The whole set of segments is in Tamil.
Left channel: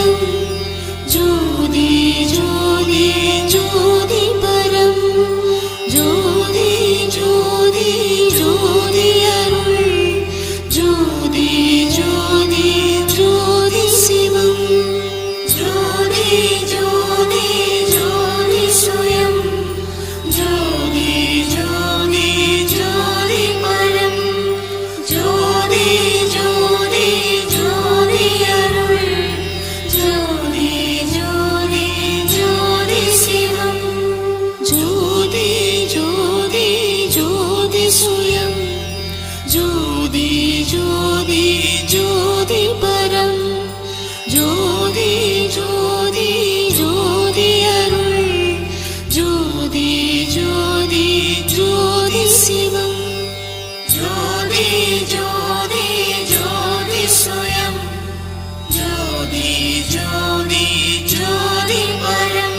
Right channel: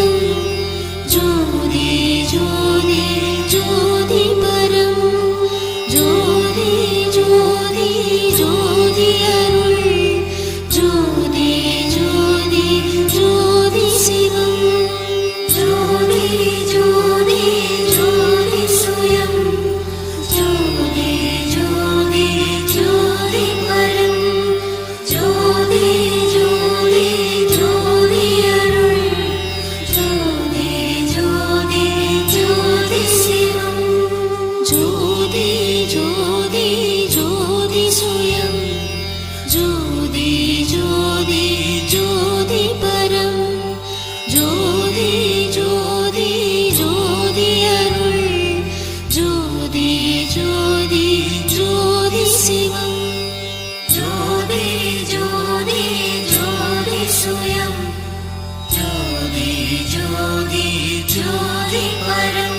சுயம் ஜோதி ஜோதி ஜோதி பரம் ஜோதி ஜோதி ஜோதி அருள் ஜோதி ஜோதி ஜோதி சிவம் ஜோதி ஜோதி ஜோதி சுயம் ஜோதி ஜோதி ஜோதி பரம் ஜோதி ஜோதி ஜோதி அருள் ஜோதி ஜோதி ஜோதி சிவம் ஜோதி ஜோதி ஜோதி சுயம் ஜோதி ஜோதி ஜோதி பரம் ஜோதி ஜோதி ஜோதி அருள் ஜோதி ஜோதி ஜோதி சிவம் ஜோதி ஜோதி ஜோதி சுயம் ஜோதி ஜோதி ஜோதி பரம்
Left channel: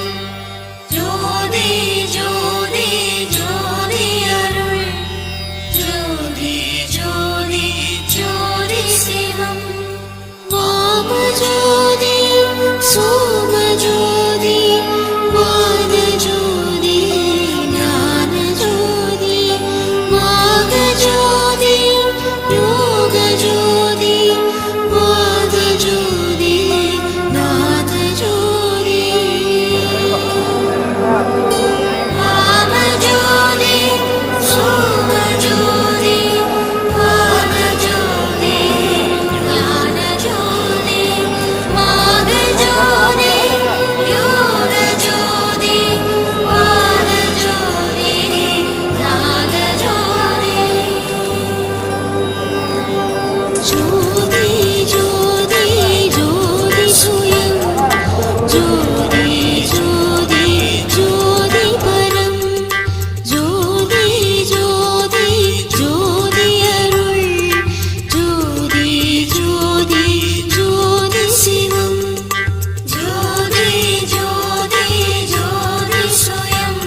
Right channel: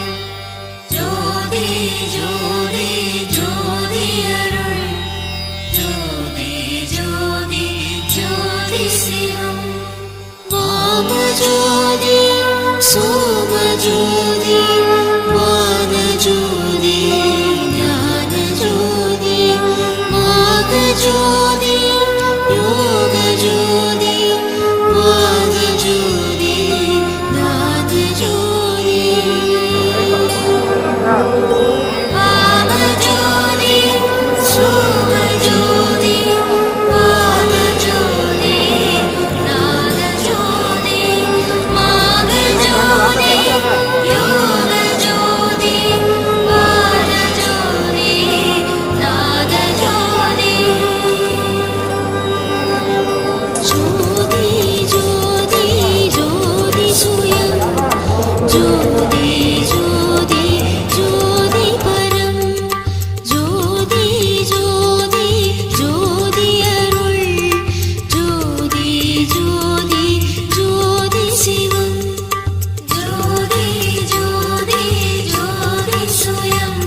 ஜோதி ஜோதி ஜோதி அருள் ஜோதி ஜோதி ஜோதி சிவம் வாம ஜோதி சோம ஜோதி வான ஜோதி ஞான ஜோதி மாக ஜோதி யோக ஜோதி வாத ஜோதி நாத ஜோதி வாம ஜோதி சோம ஜோதி வான ஜோதி ஞான ஜோதி மாக ஜோதி யோக ஜோதி வாத ஜோதி நாத ஜோதி ஜோதி ஜோதி ஜோதி சுயம் ஜோதி ஜோதி ஜோதி பரம் ஜோதி ஜோதி ஜோதி அருள் ஜோதி ஜோதி ஜோதி சிவம் ஜோதி ஜோதி ஜோதி சுயம்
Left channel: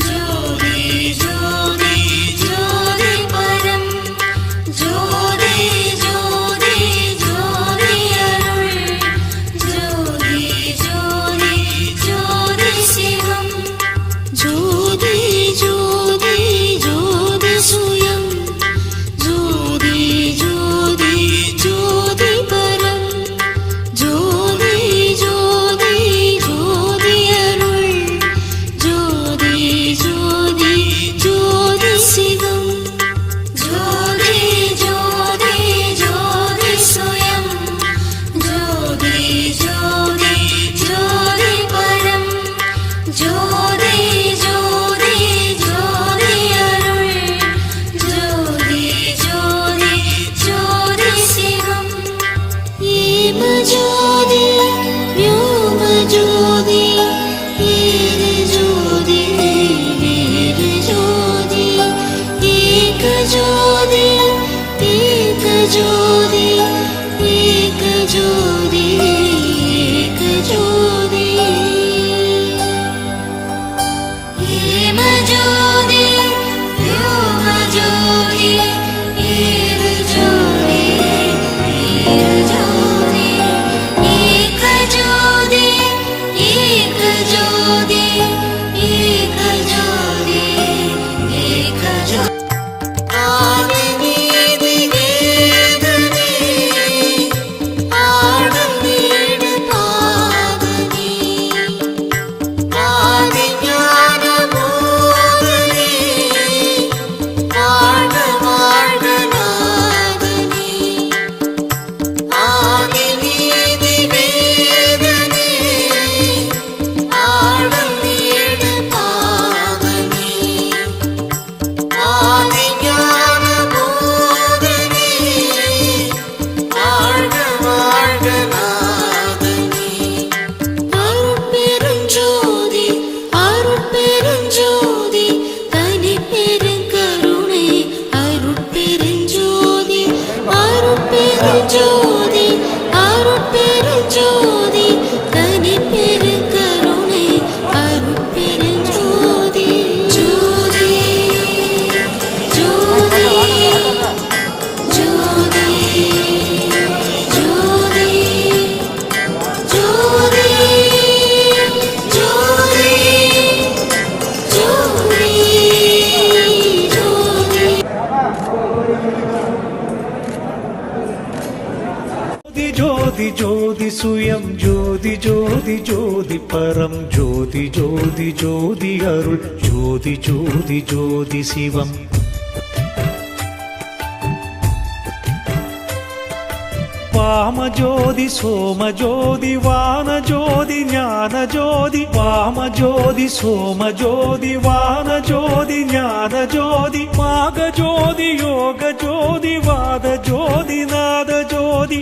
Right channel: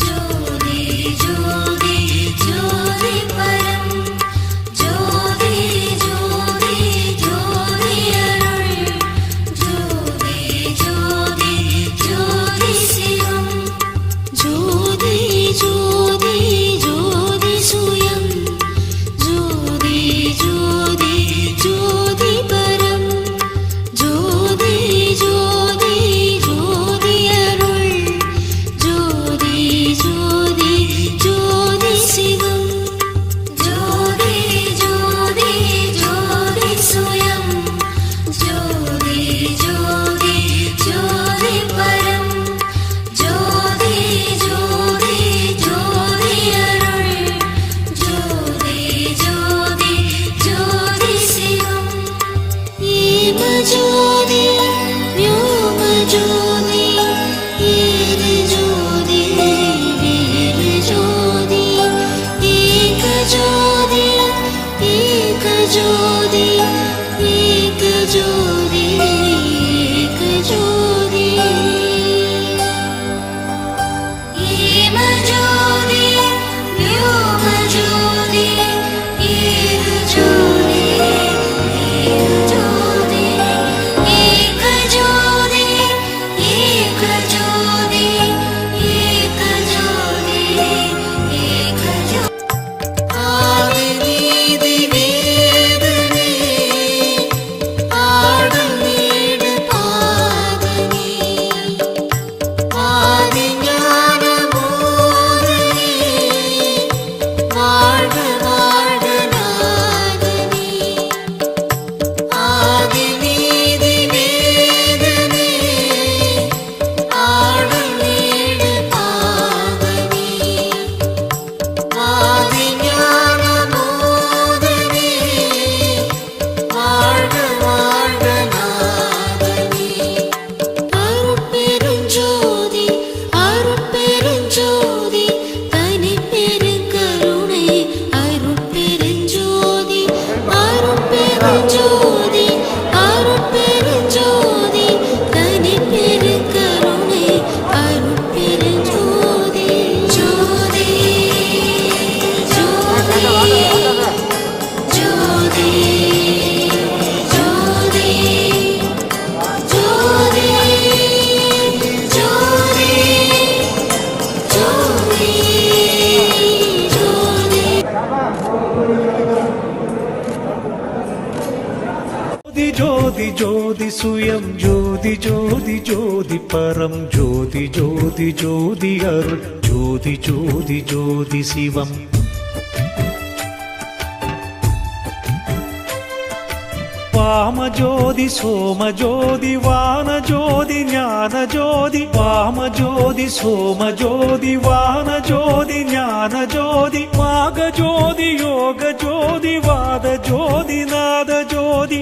ஜோதி ஜோதி ஜோதி பரம் ஜோதி ஜோதி ஜோதி அருள் ஜோதி ஜோதி ஜோதி சிவம் ஜோதி ஜோதி ஜோதி சுயம் ஜோதி ஜோதி ஜோதி பரம் ஜோதி ஜோதி ஜோதி அருள் ஜோதி ஜோதி ஜோதி சிவம் ஜோதி ஜோதி ஜோதி சுயம் ஜோதி ஜோதி ஜோதி பரம் ஜோதி ஜோதி ஜோதி அருள் ஜோதி ஜோதி ஜோதி சிவம் ஏம ஜோதி व्योम ஜோதி ஏக ஜோதி வீர ஜோதி ஏக ஜோதி ஏக ஜோதி ஏக ஜோதி ஏக ஜோதி ஏம ஜோதி व्योम ஜோதி ஏக ஜோதி வீர ஜோதி ஏக ஜோதி ஏக ஜோதி ஏக ஜோதி ஏக ஜோதி ஆதி நீதி வேதனே ஜோதி சுயம் ஜோதி ஜோதி ஜோதி பரம் ஜோதி ஜோதி ஜோதி அருள் ஜோதி ஜோதி ஜோதி சிவம். வாமஜோதி சோமஜோதி வானஜோதி ஞானஜோதி வாமஜோதி சோமஜோதி வானஜோதி ஞானஜோதி வாகஜோதி யோகஜோதி வாதஜோதி நாதஜோதி